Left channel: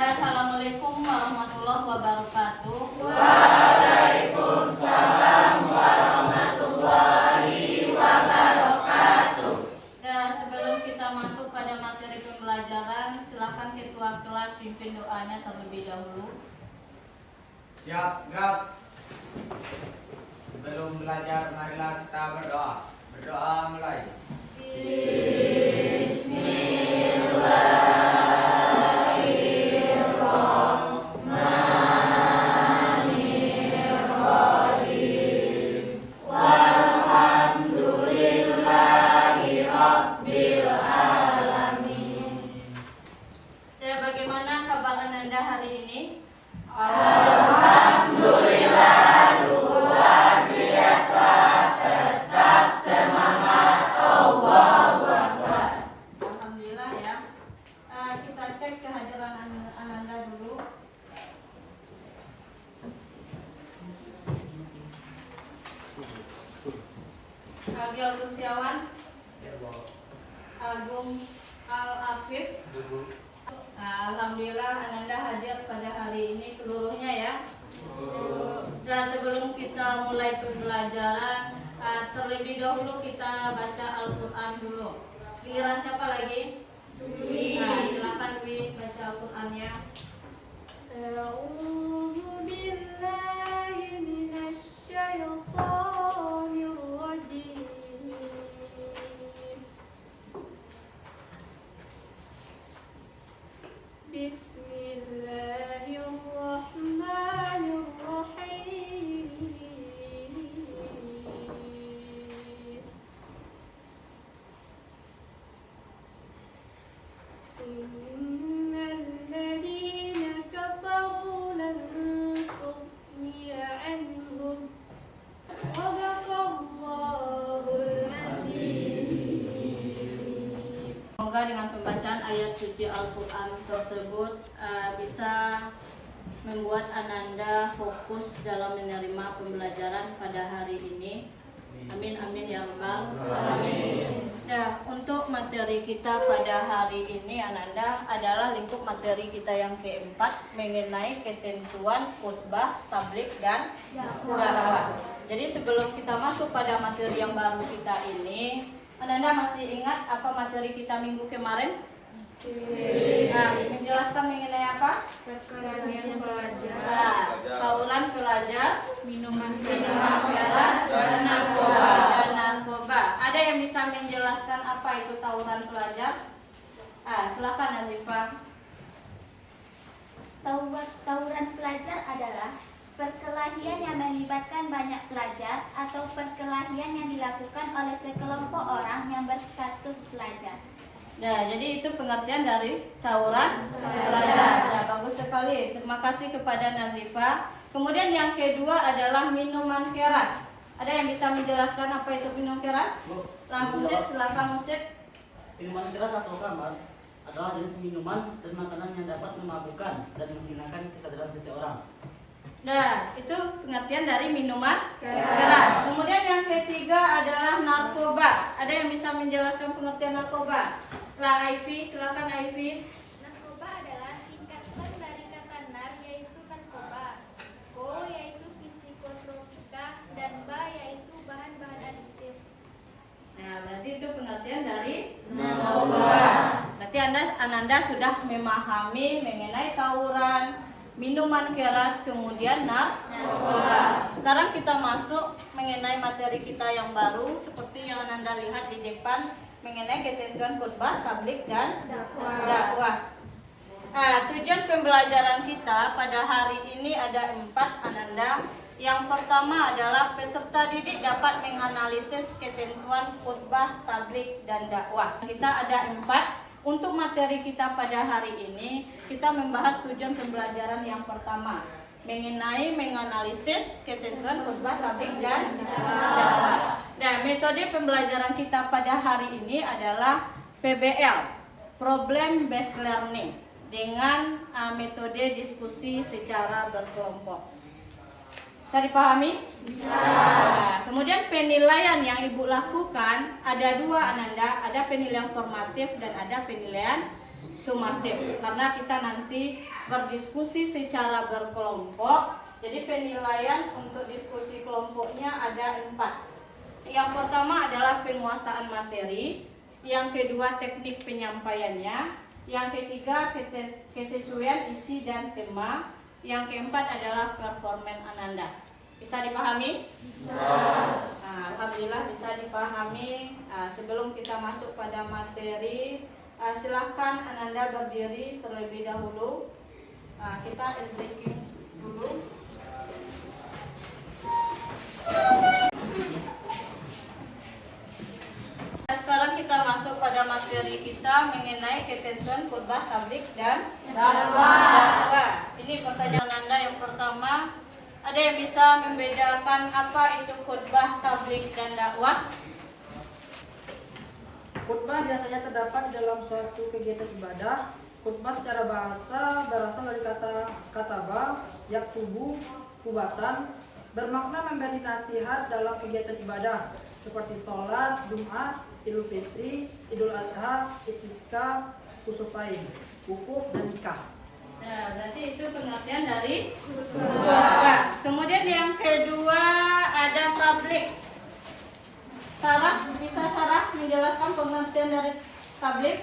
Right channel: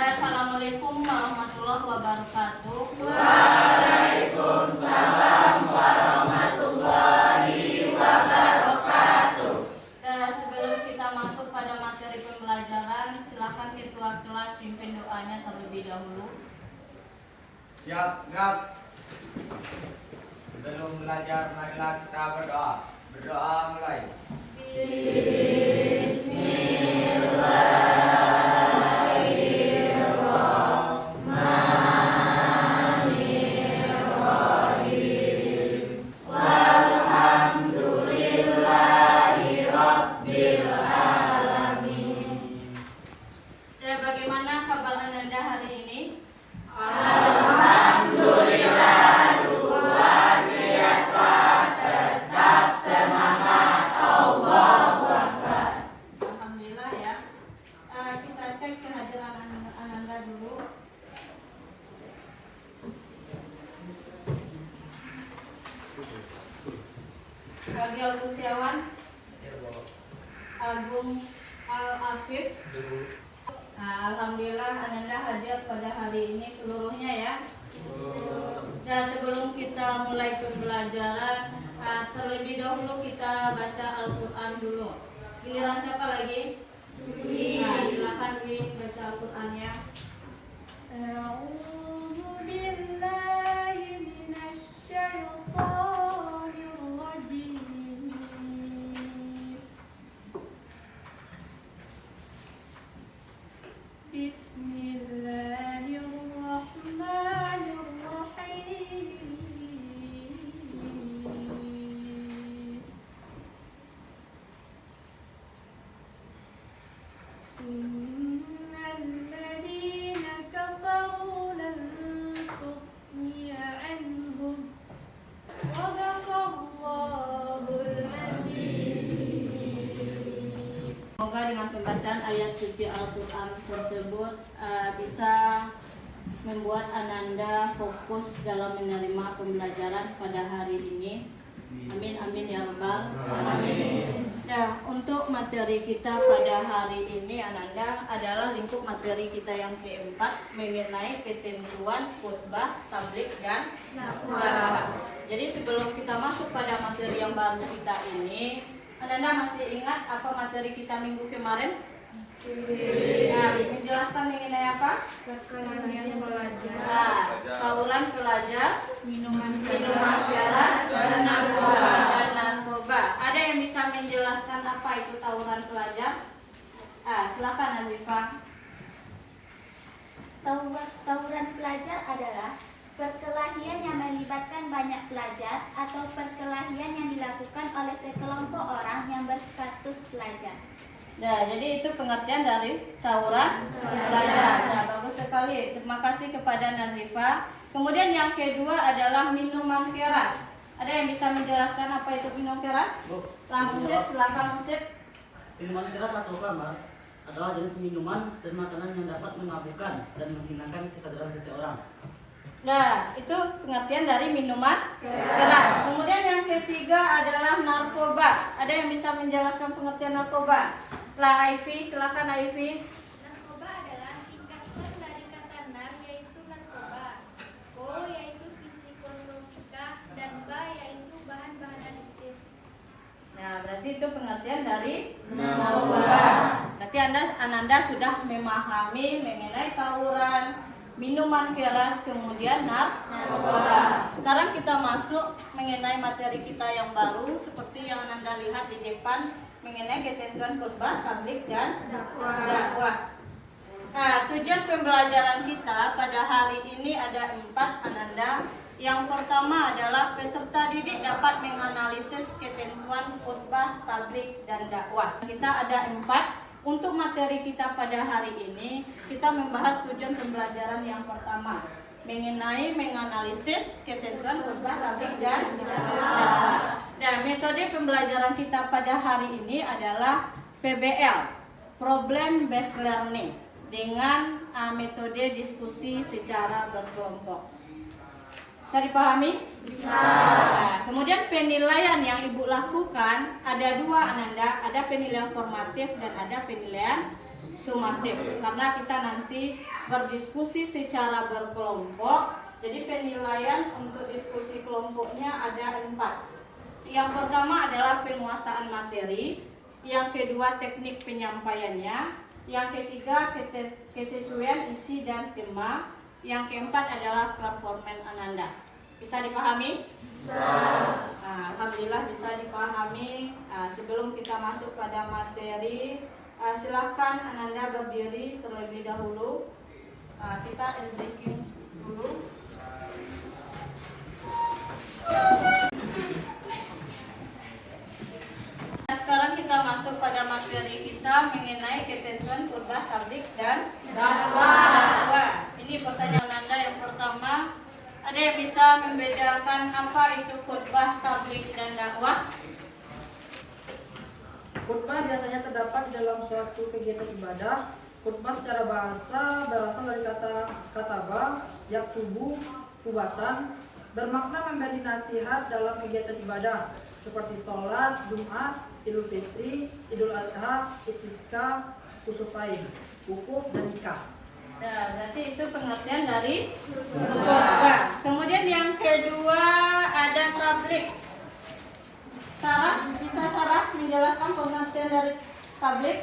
Assalamualaikum warahmatullahi wabarakatuh. Waalaikumsalam warahmatullahi wabarakatuh. Sebelum kita masuk pada materi pembelajaran, silakan ketua kelas pimpin doanya terlebih dahulu. Siap, gerak. Sebelum belajar, marilah kita berdoa. Berdoa mulai. Bagaimana kabar Ananda hari ini? Alhamdulillah luar biasa, tetap semangat. Allahu Akbar. Alhamdulillah ya. Kita cek kehadiran Ananda dulu. Agi Agustiawan, Agung Al-Afif. Alhamdulillah Ananda hadir pada hari ini seluruhnya ya. Dan sebelum kita mulai pembelajaran, terlebih dahulu kita baca Al-Quran dulu. Giliran siapa lagi? Silakan Dwi baca Al-Qurannya. Semoga dengan pembacaan ayat suci Al-Quran tersebut bisa membuat Ananda fokus dalam menerima pembelajaran pada hari ini. Amin amin ya rabbal alamin. Nah, untuk materi kita pada hari ini Ananda adalah lingkup materi kita yang keempat mengenai ketentuan khutbah, tabligh dan dakwah. Jadi sebelum kita masuk pada materi yang baru kita ini, Ananda masih ingat apa materi kita minggu kemarin? Menjelaskan mengenai apa? Perkelahian pelajar, Tawuran pelajar, minuman keras, dan narkoba. Ada yang bisa menjelaskan apa itu tawuran pelajar? Silakan Nazifah. Tawuran pelajar adalah perkelahian yang melibatkan banyak pelajar atau perkelahian yang dilakukan oleh sekelompok orang yang berstatus pelajar. Nah, jadi itu pengertian dari tawuran pelajar. Nah, bagus sekali. Terima kasih kepada Nazifah. Kemudian yang kedua adalah minuman keras. Ada yang bisa menjelaskan apa itu minum keras? Musik, silakan musik. Minuman keras atau khamar adalah jenis minuman dan makanan yang dapat memabukkan dan menghilangkan kesadaran seseorang. Nah, itu pengertian dari minuman keras. Kemudian yang ketiga adalah narkoba. Ada yang bisa menjelaskan pengertian narkoba? Ivy, silakan Ivy. Narkoba adalah singkatan dari kata nar yaitu narkoba, ko yaitu psikotropika, dan ba yaitu bahan-bahan adiktif. Nah, berarti itu pengertian dari narkoba. Berarti Ananda sudah memahami mengenai tawuran, minuman keras, kemudian narkoba. Sekarang kita masuk mengenai materi kita yang baru seperti yang Ananda lihat di depan mengenai ketentuan khutbah, tabligh dan dakwah. Tujuan pembelajaran kita pada hari ini ada 4 Ananda. Yang pertama adalah peserta didik dapat menganalisis ketentuan khutbah, tabligh dan dakwah. Kita ada 4. Untuk materi kita pada hari ini, kita membahas tujuan pembelajaran yang pertama mengenai menganalisis ketentuan khutbah, tabligh dan dakwah. Dan metode pembelajaran kita pada hari ini adalah PBL, Problem Based Learning, dengan metode diskusi secara berkelompok. Bisa dipahami? Bisa. Kemudian penilaian yang Ibu lakukan ada dua, Ananda. Ada penilaian formatif dan ada penilaian sumatif. Karena kita nanti berdiskusi secara berkelompok, jadi penilaian untuk diskusi kelompoknya ada 4. Yang pertama adalah penguasaan materi, yang kedua teknik penyampaiannya, yang ketiga kesesuaian isi dan tema, yang keempat adalah performan Ananda. Bisa dipahami? Nah, alhamdulillah bisa dipahami. Sebelum kita masuk pada materi, silahkan Ananda berdiri terlebih dahulu. Kita breaking dulu. Sekarang kita masuk pada materi kita mengenai ketentuan khutbah, tablik dan dakwah. Ini pertanyaan Ananda yang pertama. Ada yang bisa membedakan apa itu khutbah, tablik dan dakwah? Khutbah biasanya terdapat di dalam suatu kegiatan ibadah. Khutbah secara bahasa berasal dari kata kataba, yaktubu, kubatan, bermakna memberi nasihat dalam kegiatan ibadah seperti sholat, Jumat, Idul Fitri, Idul Adha, Istisqa, Kusufain, wukuf dan nikah. Nah, nanti itu pengertian dari khutbah. Kemudian yang kedua ada tablik. Sarah, bisa Sarah menjelaskan pengertian dari tablik?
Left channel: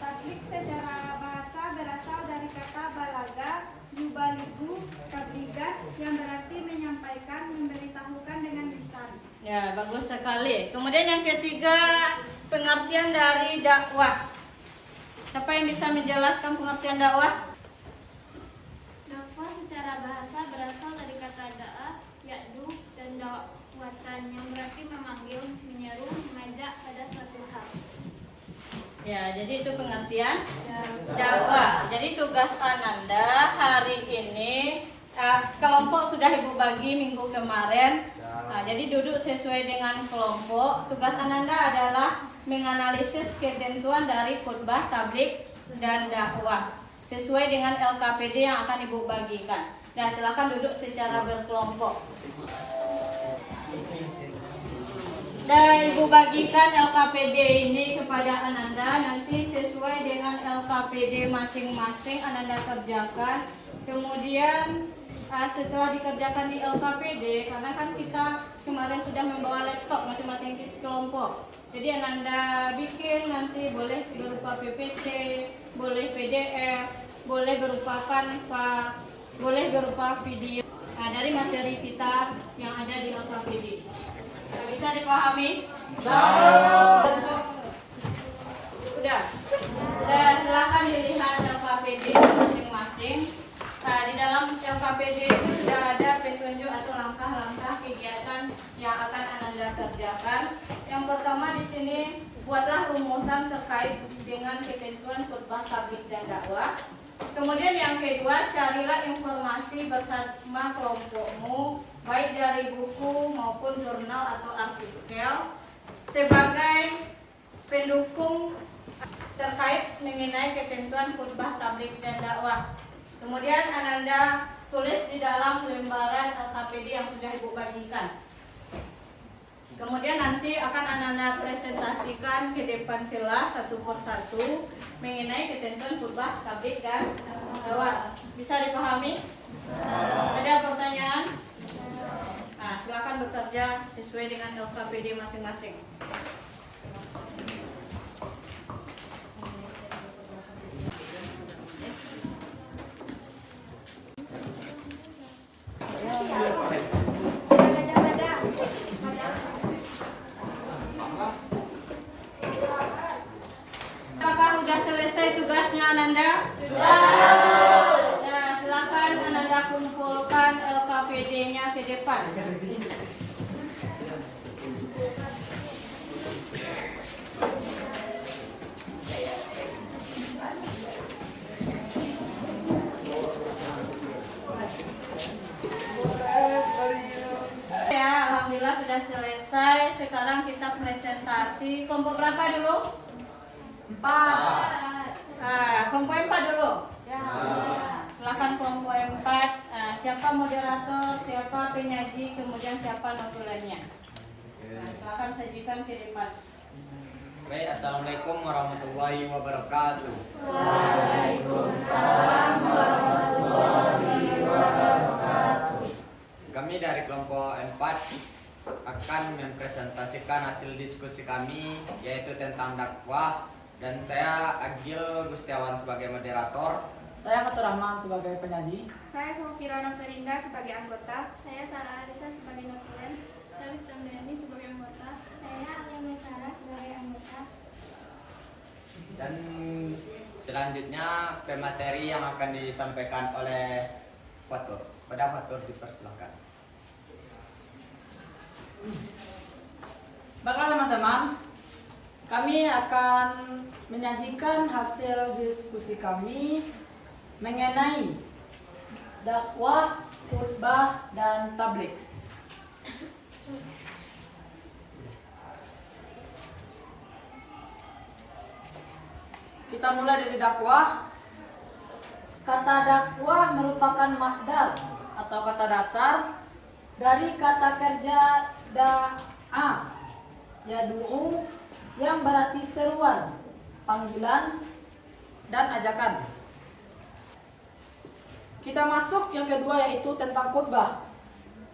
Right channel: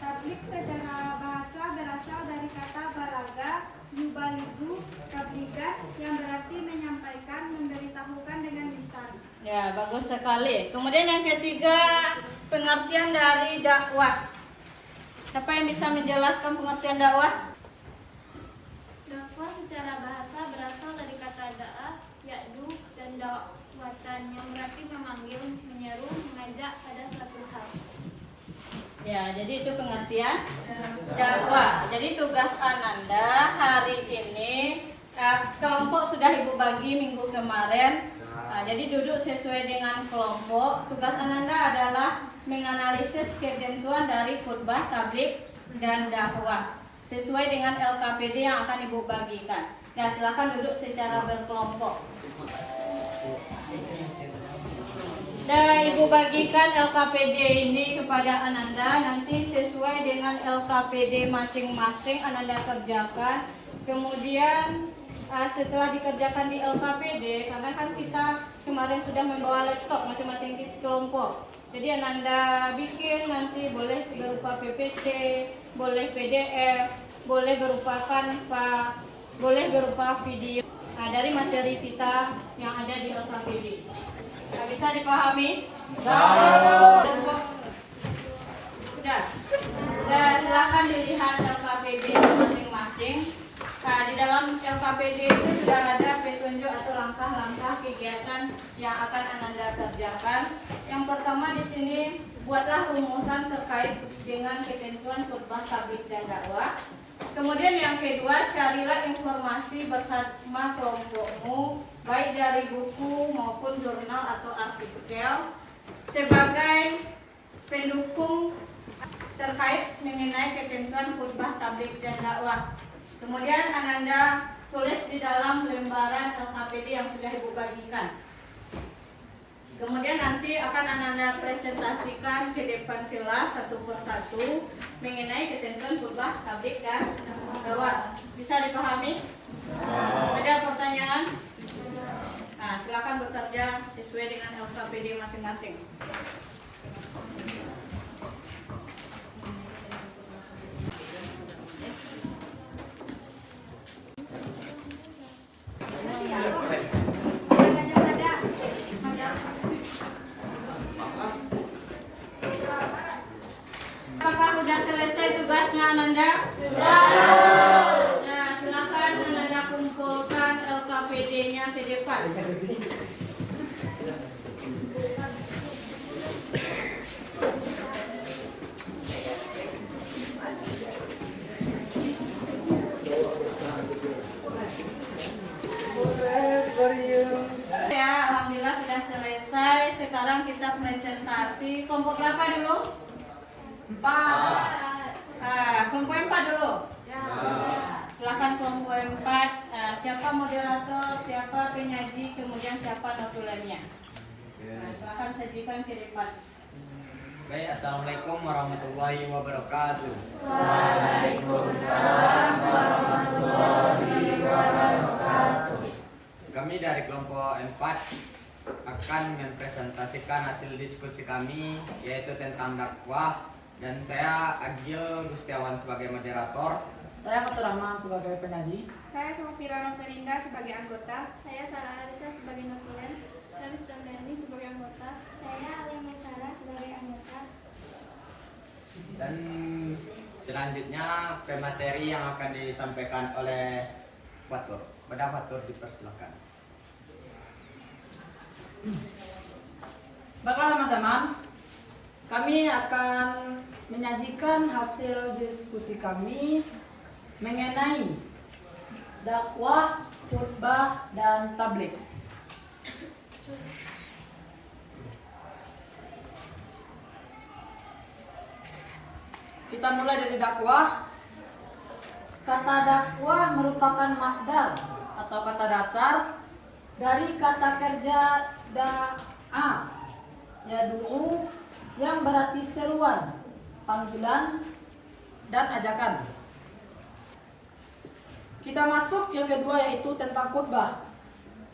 Tablik secara bahasa berasal dari kata balaga, yubaligu, tabligan, yang berarti menyampaikan, memberitahukan dengan lisan. Ya, bagus sekali. Kemudian yang ketiga pengertian dari dakwah. Siapa yang bisa menjelaskan pengertian dakwah? Dakwah secara bahasa berasal dari kata da'a, ya'du, dan dakwatan, yang berarti memanggil, menyeru, mengajak pada suatu hal. Ya, jadi itu pengertian dakwah. Jadi tugas Ananda hari ini, kelompok sudah Ibu bagi minggu kemarin. Jadi duduk sesuai dengan kelompok. Tugas Ananda adalah menganalisis ketentuan dari khutbah, tablik, dan dakwah sesuai dengan LKPD yang akan Ibu bagikan. Nah, silakan duduk secara berkelompok. Dan Ibu bagikan LKPD ini kepada Ananda. Nanti sesuai dengan LKPD masing-masing Ananda kerjakan. Kemudian setelah dikerjakan di LKPD, karena kan kita kemarin sudah membawa laptop masing-masing di kelompok. Jadi Ananda bikin nanti boleh berupa PPT, boleh PDF, boleh berupa Canva, boleh berupa video. Dari materi kita yang ada di LKPD. Bisa dipahami? Udah. Dan silakan dilihat LKPD masing-masing. Di dalam LKPD itu sudah ada petunjuk atau langkah-langkah kegiatan yang akan Ananda kerjakan. Yang pertama di sini buatlah rumusan terkait dengan ketentuan khutbah, tablik, dan dakwah. Kemudian yang kedua, carilah informasi bersama kelompokmu, baik dari buku maupun jurnal atau artikel, sebagai pendukung terkait mengenai ketentuan khutbah, tablik, dan dakwah. Kemudian Ananda tulis di dalam lembaran LKPD yang sudah Ibu bagikan. Kemudian nanti akan Ananda presentasikan ke depan kelas satu persatu mengenai ketentuan khutbah, tablik, dan dakwah. Bisa dipahami? Ada pertanyaan? Nah, silakan bekerja sesuai dengan LKPD masing-masing. Apakah sudah selesai tugasnya Ananda? Sudah. Ya, silakan Ananda kumpulkan LKPD-nya ke depan. Ya, alhamdulillah sudah selesai. Sekarang kita presentasi. Kelompok berapa dulu? 4. Kelompok 4 dulu. Silakan kelompok 4, siapa moderator, siapa penyaji, kemudian siapa notulennya. Silakan sajikan ke depan. Baik, assalamualaikum warahmatullahi wabarakatuh. Waalaikumsalam warahmatullahi wabarakatuh. Kami dari kelompok 4 akan mempresentasikan hasil diskusi kami, yaitu tentang dakwah, dan saya Agil Gustiawan sebagai moderator. Saya Fatur Rahman sebagai penyaji. Saya Sofirona Ferinda sebagai anggota. Saya Sarah Arisa sebagai notulen. Saya Wisdamdani sebagai anggota. Saya Alia Mesara sebagai anggota. Dan selanjutnya pemateri yang akan disampaikan oleh Fatur. Pada Fatur dipersilakan. Baiklah teman-teman, kami akan menyajikan hasil diskusi kami mengenai dakwah, khutbah, dan tabligh. Kita mulai dari dakwah. Kata dakwah merupakan masdar atau kata dasar dari kata kerja da'a, yad'u, yang berarti seruan, panggilan, dan ajakan. Kita masuk yang kedua, yaitu tentang khutbah.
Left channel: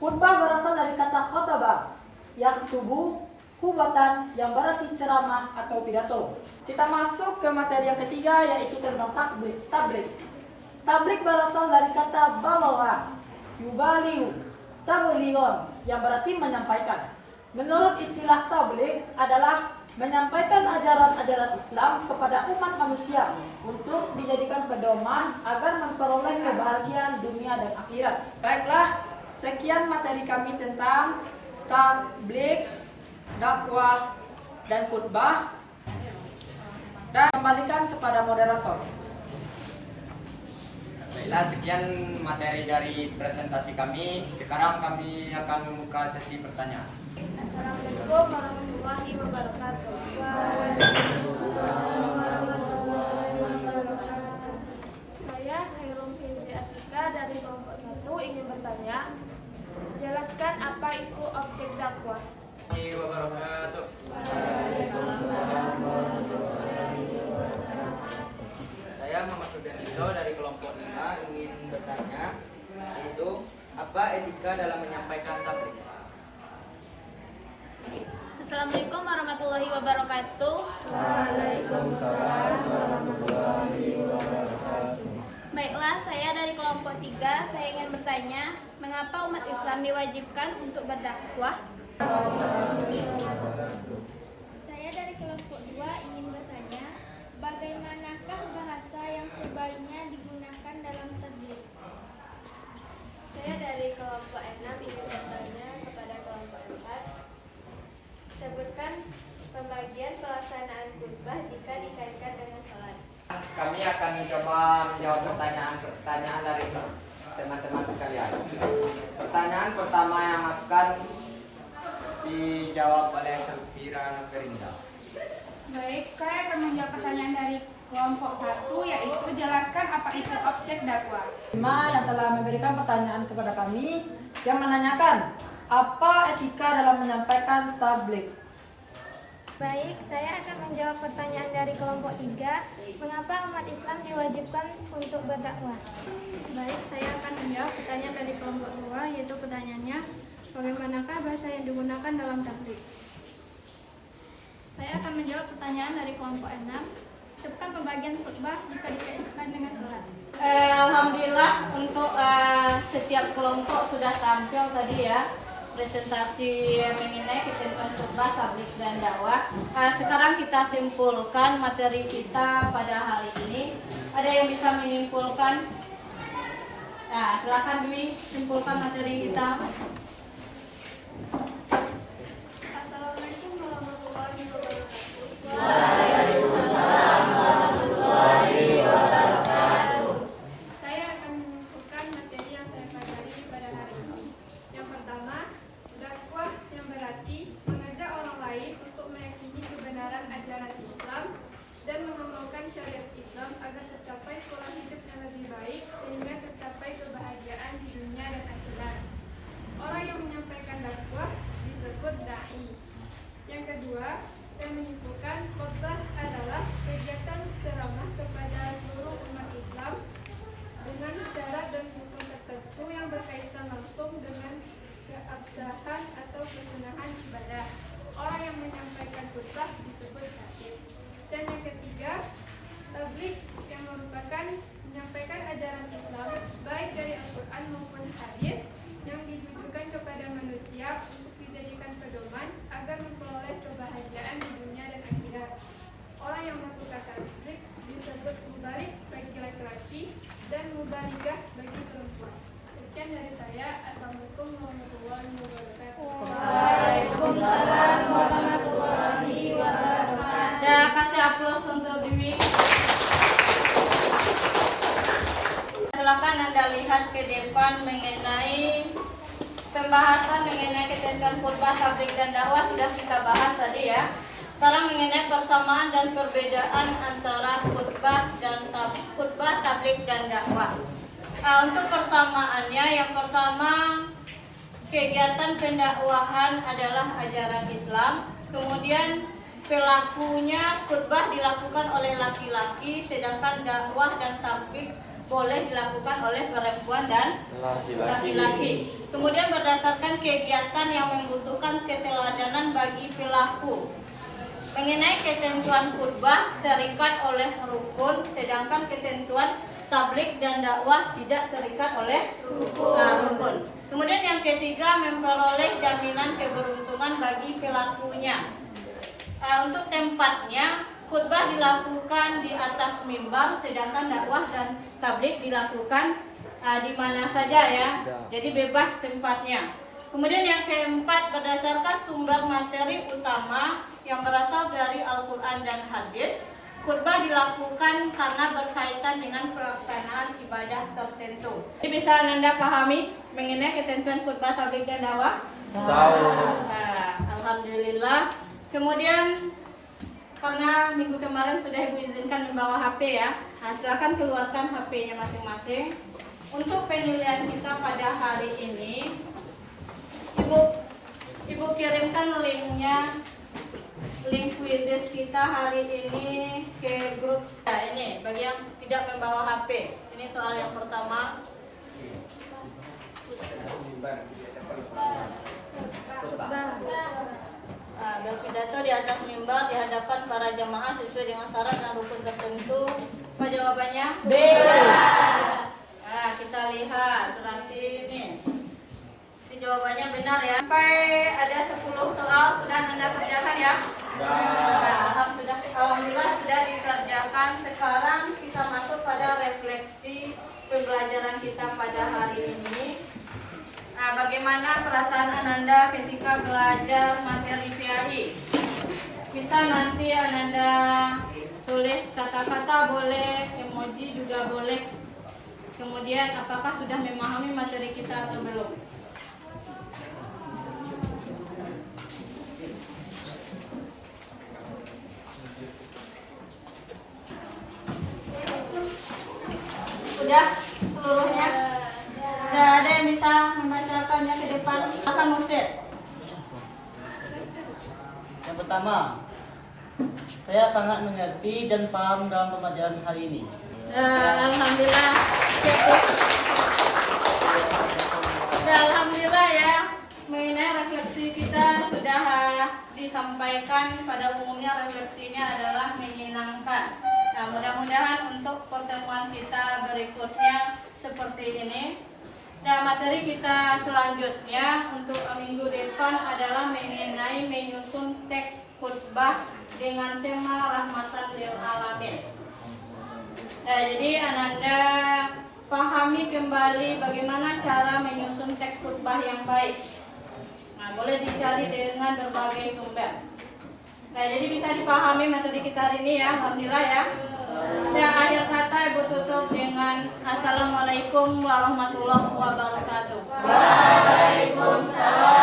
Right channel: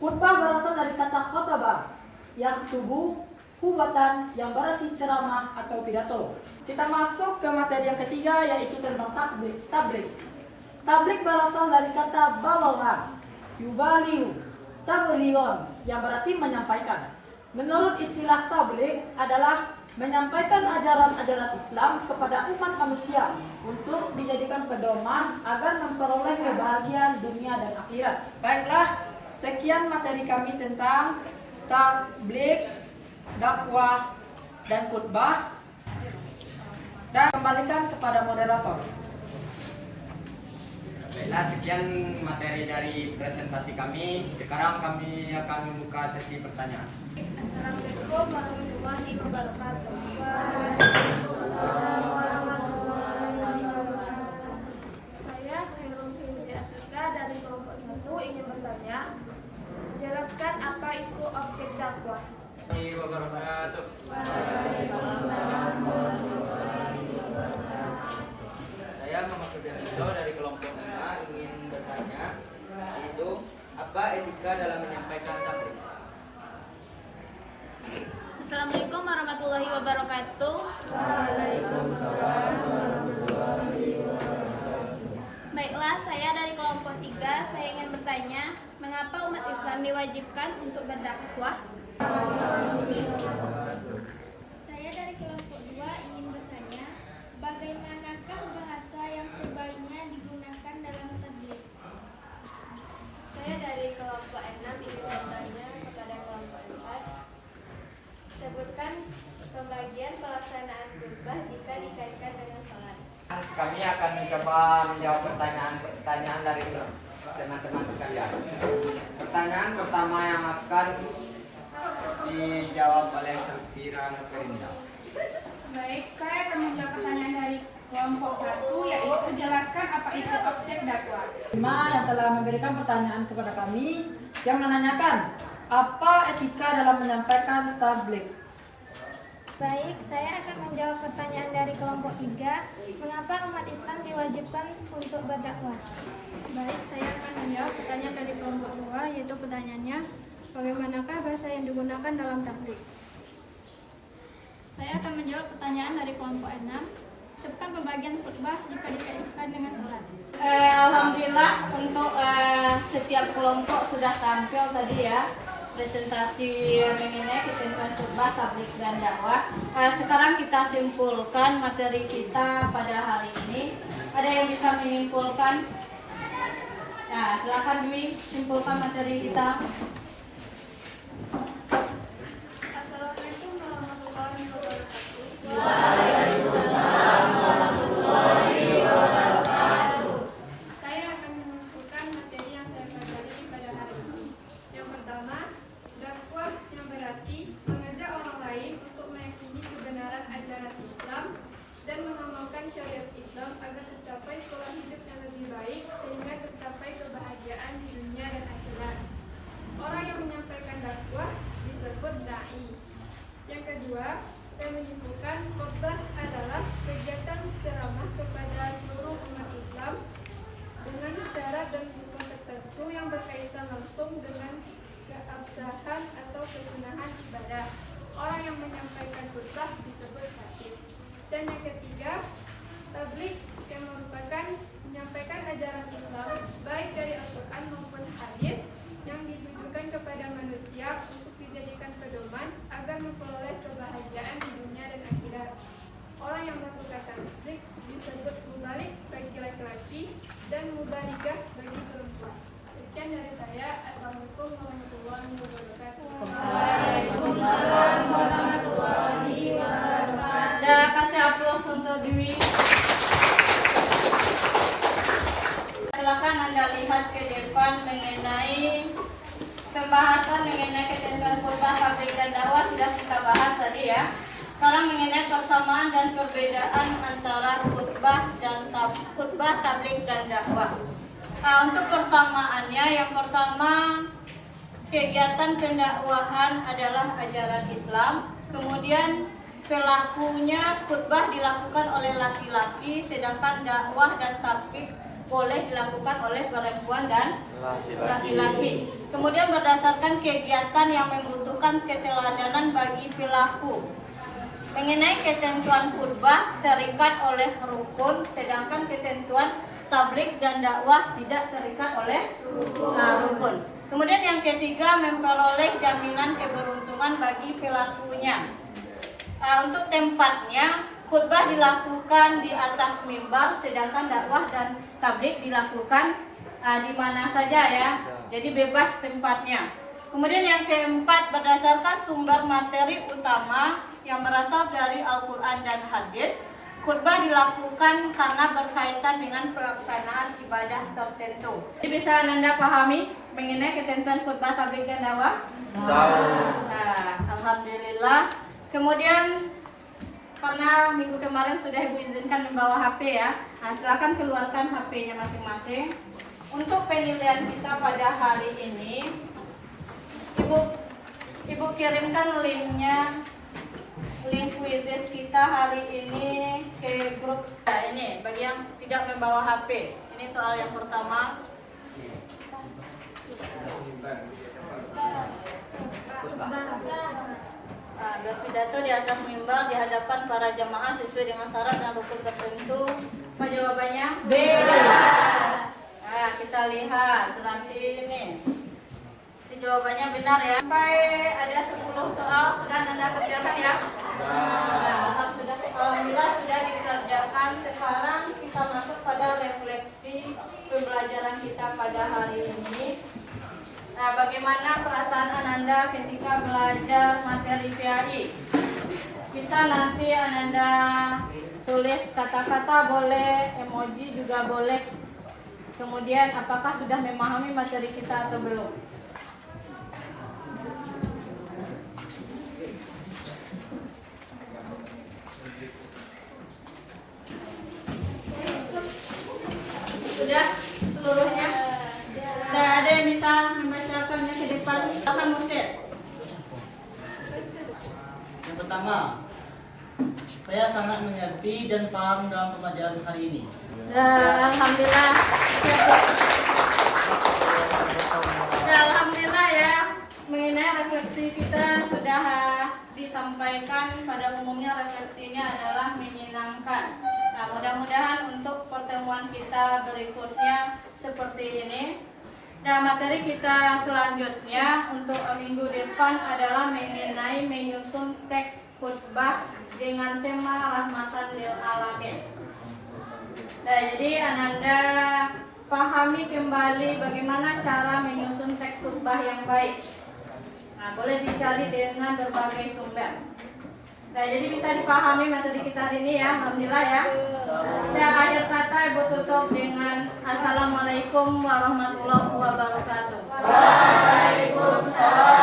Khutbah berasal dari kata khotbah, yakhtubu, khutbatan, yang berarti ceramah atau pidato. Kita masuk ke materi yang ketiga, yaitu tentang tabligh. Tabligh berasal dari kata balagha, yubaliu, tablighon, yang berarti menyampaikan. Menurut istilah tabligh adalah menyampaikan ajaran-ajaran Islam kepada umat manusia untuk dijadikan pedoman agar memperoleh kebahagiaan dunia dan akhirat. Baiklah, sekian materi kami tentang tabligh, dakwah, dan khutbah. Dan kembalikan kepada moderator. Baiklah, sekian materi dari presentasi kami. Sekarang kami akan membuka sesi pertanyaan. Assalamualaikum warahmatullahi wabarakatuh. Saya Khairul Fitri Asrika dari kelompok 1 ingin bertanya, jelaskan apa itu objek dakwah. Wabarakatuh. Saya Muhammad Sudarito dari kelompok 5 ingin bertanya, yaitu apa etika dalam menyampaikan tabligh? Assalamualaikum warahmatullahi wabarakatuh. Baiklah, saya dari kelompok 3, saya ingin bertanya, mengapa umat Islam diwajibkan untuk berdakwah? Saya dari kelompok 2 ingin bertanya, bagaimanakah bahasa yang sebaiknya digunakan dalam tabligh? Saya dari kelompok 6 ingin bertanya kepada kelompok 4, sebutkan pembagian pelaksanaan khutbah jika dikaitkan dengan sholat. Kami akan mencoba menjawab pertanyaan dari teman-teman sekalian. Pertanyaan pertama yang akan dijawab oleh Sofirona Ferinda. Baik, saya akan menjawab pertanyaan dari kelompok 1, yaitu jelaskan apa itu objek dakwah. 5 yang telah memberikan pertanyaan kepada kami yang menanyakan apa etika dalam menyampaikan tabligh. Baik, saya akan menjawab pertanyaan dari kelompok 3, mengapa umat Islam diwajibkan untuk berdakwah? Baik, saya akan menjawab pertanyaan dari kelompok 2, yaitu pertanyaannya, bagaimanakah bahasa yang digunakan dalam tabligh? Saya akan menjawab pertanyaan dari kelompok 6, sebutkan pembagian khutbah jika dikaitkan dengan sholat. Alhamdulillah untuk setiap kelompok sudah tampil tadi ya presentasi mengenai ketentuan khutbah, tabligh, dan dakwah. Sekarang kita simpulkan materi kita pada hari ini. Ada yang bisa menyimpulkan? Nah, silakan Dwi, simpulkan materi kita. Assalamualaikum warahmatullahi wabarakatuh. Waalaikumsalam warahmatullahi wabarakatuh. Saya akan menyimpulkan materi yang saya pelajari pada hari ini. Yang pertama, dakwah yang berarti mengajak orang lain untuk meyakini kebenaran ajaran Islam dan mengamalkan syariat Islam agar tercapai pola hidup yang lebih baik sehingga kedua, saya menyimpulkan khotbah adalah kegiatan ceramah kepada seluruh umat Islam dengan syarat dan rukun tertentu yang berkaitan langsung dengan keabsahan atau kesunahan ibadah. Orang yang menyampaikan khutbah disebut khatib. Dan yang ketiga, tabligh yang merupakan menyampaikan ajaran Islam baik dari Al-Quran maupun hadis yang ditujukan kepada manusia untuk dijadikan pedoman agar memperoleh kebahagiaan di dunia dan akhirat. Orang yang melakukan tabligh disebut mubalik bagi laki-laki dan mubaligah bagi perempuan. Sekian dari saya. Assalamualaikum warahmatullahi wabarakatuh. Waalaikumsalam warahmatullahi wabarakatuh. Dan kasih aplaus untuk Dewi. Silakan Anda lihat ke depan mengenai pembahasan mengenai ketentuan khutbah, tabligh dan dakwah sudah kita bahas tadi ya. Sekarang mengenai persamaan dan perbedaan antara khutbah, tabligh dan dakwah. Untuk persamaannya, yang pertama kegiatan pendakwahan adalah ajaran Islam. Kemudian pelakunya khutbah dilakukan oleh laki-laki, sedangkan dakwah dan tabligh boleh dilakukan oleh perempuan dan laki-laki. Kemudian berdasarkan kegiatan yang membutuhkan keteladanan bagi pelaku. Mengenai ketentuan khutbah terikat oleh rukun, sedangkan ketentuan tabligh dan dakwah tidak terikat oleh rukun. Kemudian yang ketiga, memperoleh jaminan keberuntungan bagi pelakunya. Untuk tempatnya, khutbah dilakukan di atas mimbar, sedangkan dakwah dan tabligh dilakukan di mana saja ya. Jadi bebas tempatnya. Kemudian yang keempat, berdasarkan sumber materi utama yang berasal dari Al-Quran dan hadis, khutbah dilakukan karena berkaitan dengan pelaksanaan ibadah tertentu. Jadi bisa Anda pahami mengenai ketentuan khutbah, tabligh dan dakwah? Alhamdulillah. Kemudian karena minggu kemarin sudah Ibu izinkan membawa HP ya, silakan keluarkan HP-nya masing-masing. Untuk penilaian kita pada hari ini, Ibu kirimkan linknya, link quizzes kita hari ini ke grup. Ini bagi yang tidak membawa HP. Ini soal yang pertama. Berpidato di atas mimbar di hadapan para jamaah sesuai dengan syarat dan rukun tertentu. Apa jawabannya? B. Kita lihat, berarti ini jawabannya benar ya. Sampai ada 10 soal sudah Anda kerjakan ya? Alhamdulillah sudah dikerjakan. Sekarang kita masuk pada refleksi pembelajaran kita pada hari ini. Bagaimana perasaan Ananda ketika belajar materi PAI? Bisa nanti Ananda tulis kata-kata boleh, emoji juga boleh. Kemudian apakah sudah memahami materi kita atau belum? Sudah seluruhnya? Sudah ada yang bisa membacakannya ke depan? Silakan Musir. Yang pertama, saya sangat mengerti dan paham dalam pembelajaran hari ini. Alhamdulillah. Alhamdulillah ya. Mengenai refleksi kita sudah disampaikan. Pada umumnya refleksinya adalah menyenangkan. Mudah-mudahan untuk pertemuan kita berikutnya seperti ini. Materi kita selanjutnya untuk minggu depan adalah mengenai menyusun teks khutbah dengan tema rahmatan lil alamin. Jadi Ananda pahami kembali bagaimana cara menyusun teks khutbah yang baik. Boleh dicari dengan berbagai sumber. Jadi bisa dipahami materi kita hari ini ya, alhamdulillah ya. Dan akhir kata Ibu tutup dengan Assalamualaikum warahmatullahi wabarakatuh. Waalaikumsalam.